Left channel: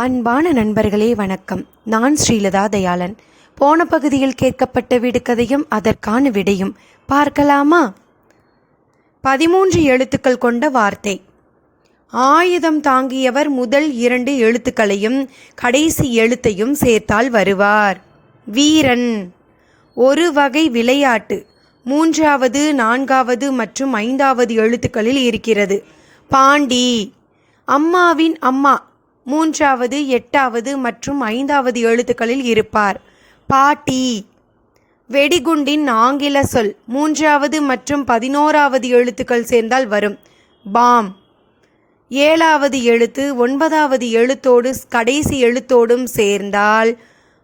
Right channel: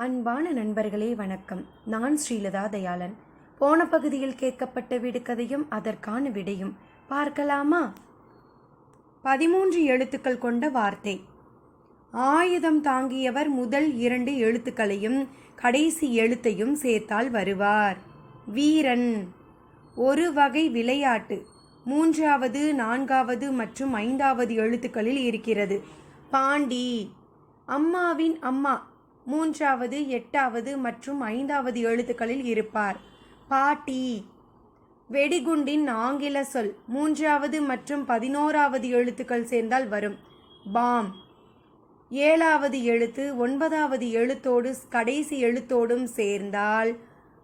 அன்பான நண்பர்களே வணக்கம். நான் ஸ்ரீலதா தயாளன். போன பகுதியில் கேட்கப்பட்ட விடுகதையும் அதற்கான விடையும் பார்க்கலாமா? பதிமூன்று எழுத்துக்கள் கொண்ட வார்த்தை. ஆயுதம் தாங்கியவர் முதல் இரண்டு எழுத்துக்களையும் கடைசி எழுத்தையும் சேர்த்தால் வருவார். வீரன். ஒரு வகை விளையாட்டு. மூன்றாவது நான்காவது மற்றும் ஐந்தாவது எழுத்துக்களில் இருக்கிறது. பாண்டி. அம்மாவின் அம்மா மூன்றாவது எட்டாவது மற்றும் ஐந்தாவது எழுத்துக்களில் இருப்பார். பாட்டி வெடிகுண்டின் ஆங்கில சொல் மூன்றாவது மற்றும் பதினோராவது எழுத்துக்கள் சேர்ந்தால் வரும். பாம் ஏழாவது எழுத்து ஒன்பதாவது எழுத்தோடு கடைசி எழுத்தோடும் சேர்ந்தால்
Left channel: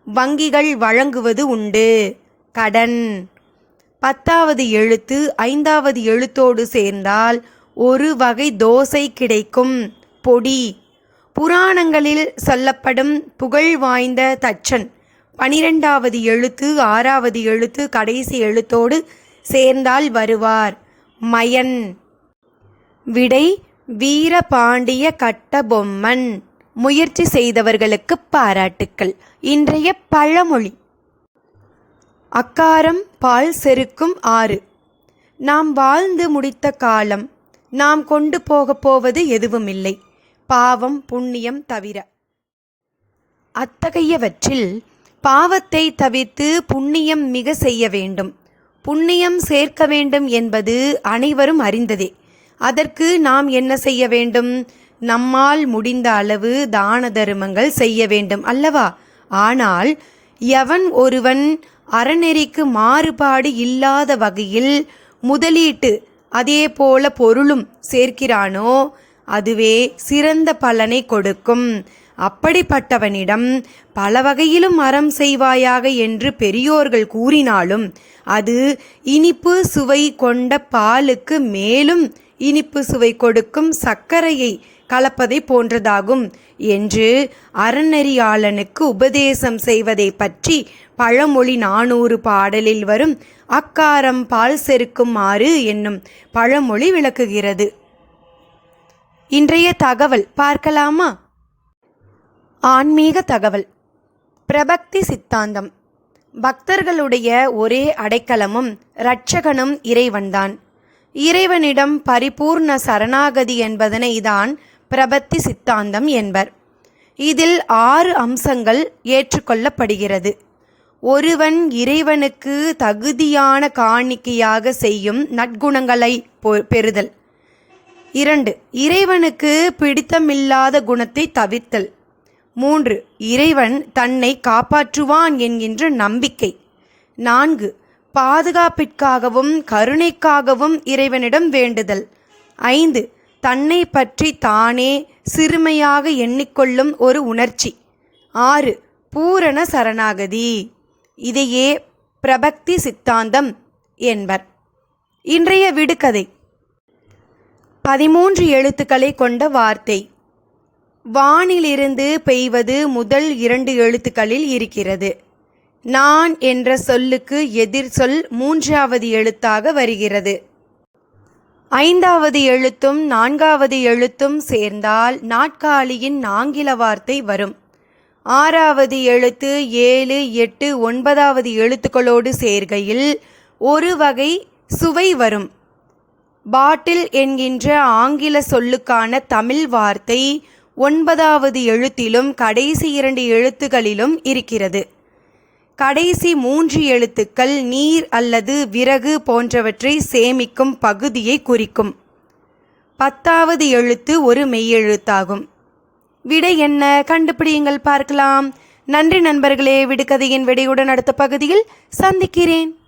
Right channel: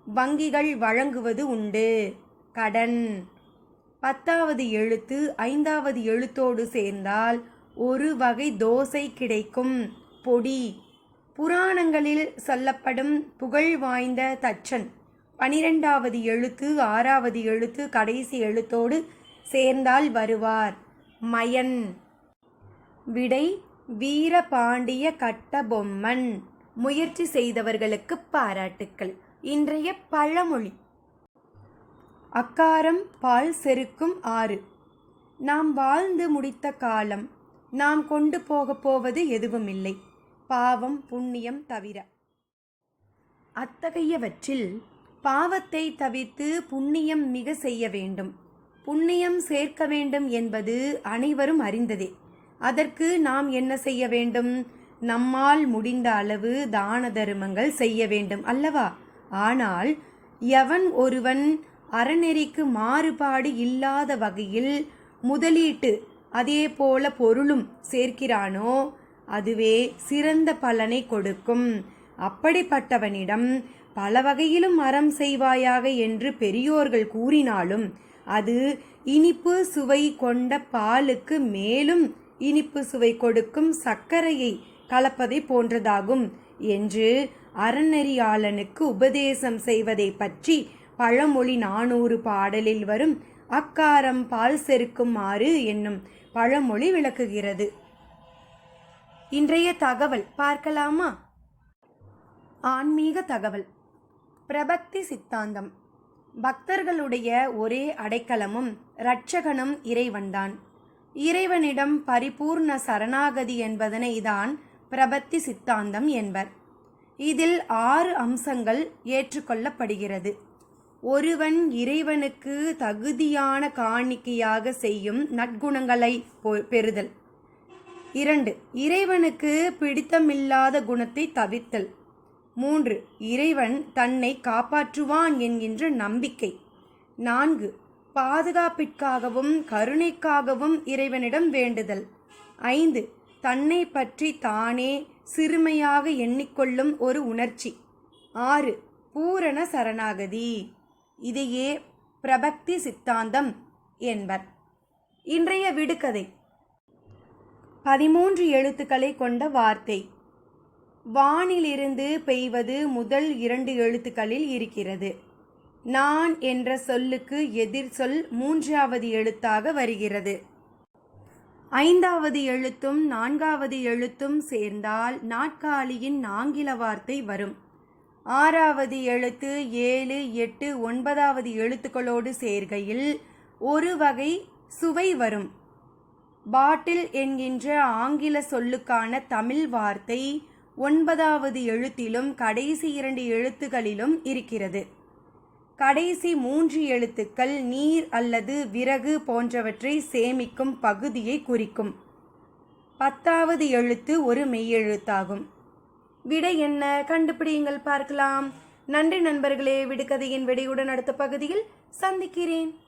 வங்கிகள் வழங்குவது உண்டு. கடன் பத்தாவது எழுத்து ஐந்தாவது எழுத்தோடு சேர்ந்தால் ஒரு வகை தோசை கிடைக்கும். பொடி புராணங்களில் சொல்லப்படும் புகழ் வாய்ந்த தச்சன். பனிரெண்டாவது எழுத்து ஆறாவது எழுத்து கடைசி எழுத்தோடு சேர்ந்தால் வருவார். மயன். விடை வீரபாண்டிய கட்டபொம்மன். முயற்சி செய்தவர்களுக்கு பாராட்டுக்கள். இன்றைய பழமொழி. அக்காரம் பால் செருக்கும் ஆறு. நாம் வாழ்ந்து முடித்த காலம். நாம் கொண்டு போகப் போவது எதுவுமில்லை. பாவம் புண்ணியம் தவிர. அத்தகையவற்றில் பாவத்தை தவிர்த்து புண்ணியம் மிக செய்ய வேண்டும். புண்ணியம் சேர்க்க வேண்டும் என்பது அனைவரும் அறிந்ததே. அதற்கு நாம் என்ன செய்ய வேண்டும்? நம்மால் முடிந்த அளவு தான தருமங்கள் செய்ய வேண்டும் அல்லவா? ஆனால் எவன் ஒருவன் அறநெறிக்கு மாறுபாடு இல்லாத வகையில் முதலீட்டு அதே போல பொருளும் சேர்க்கிறானோ அதுவே சிறந்த பலனை கொடுக்கும். அப்படிப்பட்டவனிடம் பல வகையிலும் அறம் செய்வாயாக என்று பெரியோர்கள் கூறினாலும் அது இனிப்பு சுவை கொண்ட பாலுக்கு மேலும் இனிப்பு சுவை கொடுக்கும் சர்க்கரையை கலப்பதை போன்றதாகும் என்று அறநெறியாளனுக்கு உபதேசம் செய்வதை பற்றி பழமொழி நானூறு பாடலில் வரும் அக்காரம் பால் செருக்குமாறு என்னும் பழமொழி விளக்குகிறது. இன்றைய தகவல் பார்க்கலாமா? ஆன்மீக தகவல். பிரபக்தி சித்தாந்தம். பக்தர்களுடைய ஒரே அடைக்கலமும் இரட்சகனும் இறைவன்தான். இறைவனிடம் பரிபூர்ண சரணாகதி என்பதனை தான் பிரபத்தி சித்தாந்தம் என்பர். இதில் ஆறு அம்சங்கள் ஏற்றுக்கொள்ளப்படுகிறது. ஒருவன் இறைவனுக்கு தகுதியான காணிக்கையாக செய்யும் நற்குணங்களை பெறுதல். இரண்டு இறைவனுக்கு பிடித்தமில்லாத குணத்தை தவிர்த்தல். மூன்று இறைவன் தன்னை காப்பாற்றுவான் என்கின்ற நம்பிக்கை. நான்கு பாதுகாப்பிற்காகவும் கருணைக்காகவும் இறைவனிடம் வேண்டுதல். ஐந்து தன்னை பற்றி தானே சிறுமையாக எண்ணிக்கொள்ளும் ஒரு உணர்ச்சி. ஆறு பூரண சரணாகதி. இதையே பிரபக்தி சித்தாந்தம் என்பர். இன்றைய விடுகதை. பதிமூன்று எழுத்துக்களை கொண்ட வார்த்தை. வானிலிருந்து பெய்வது முதல் இரண்டு எழுத்துக்களில் இருக்கிறது. நான் என்ற சொல்லுக்கு எதிர் சொல் மூன்றாவது எழுத்தாக வருகிறது. ஐந்தாவது எழுத்தும் நான்காவது எழுத்தும் சேர்ந்தால் நாட்காலியின் ஆங்கில வார்த்தை வரும். ஆறாவது எழுத்து ஏழு எட்டு ஒன்பதாவது எழுத்துக்களோடு சேர்கையில் ஒரு வகை சுவை வரும். பாட்டில் என்கின்ற ஆங்கில சொல்லுக்கான தமிழ் வார்த்தை ஒன்பதாவது எழுத்திலும் கடைசி இரண்டு எழுத்துகளிலும் இருக்கிறது. கடைசி மூன்று எழுத்துக்கள் நீர் அல்லது விறகு போன்றவற்றை சேமிக்கும் பகுதியை குறிக்கும். பத்தாவது எழுத்து ஒரு மெய்யெழுத்தாகும். விடை என்ன? கண்டுபிடியுங்கள் பார்க்கலாம். நன்றி நண்பர்களே விடுகதையின் விடையுடன் அடுத்த பகுதியில் சந்திக்கிறேன்.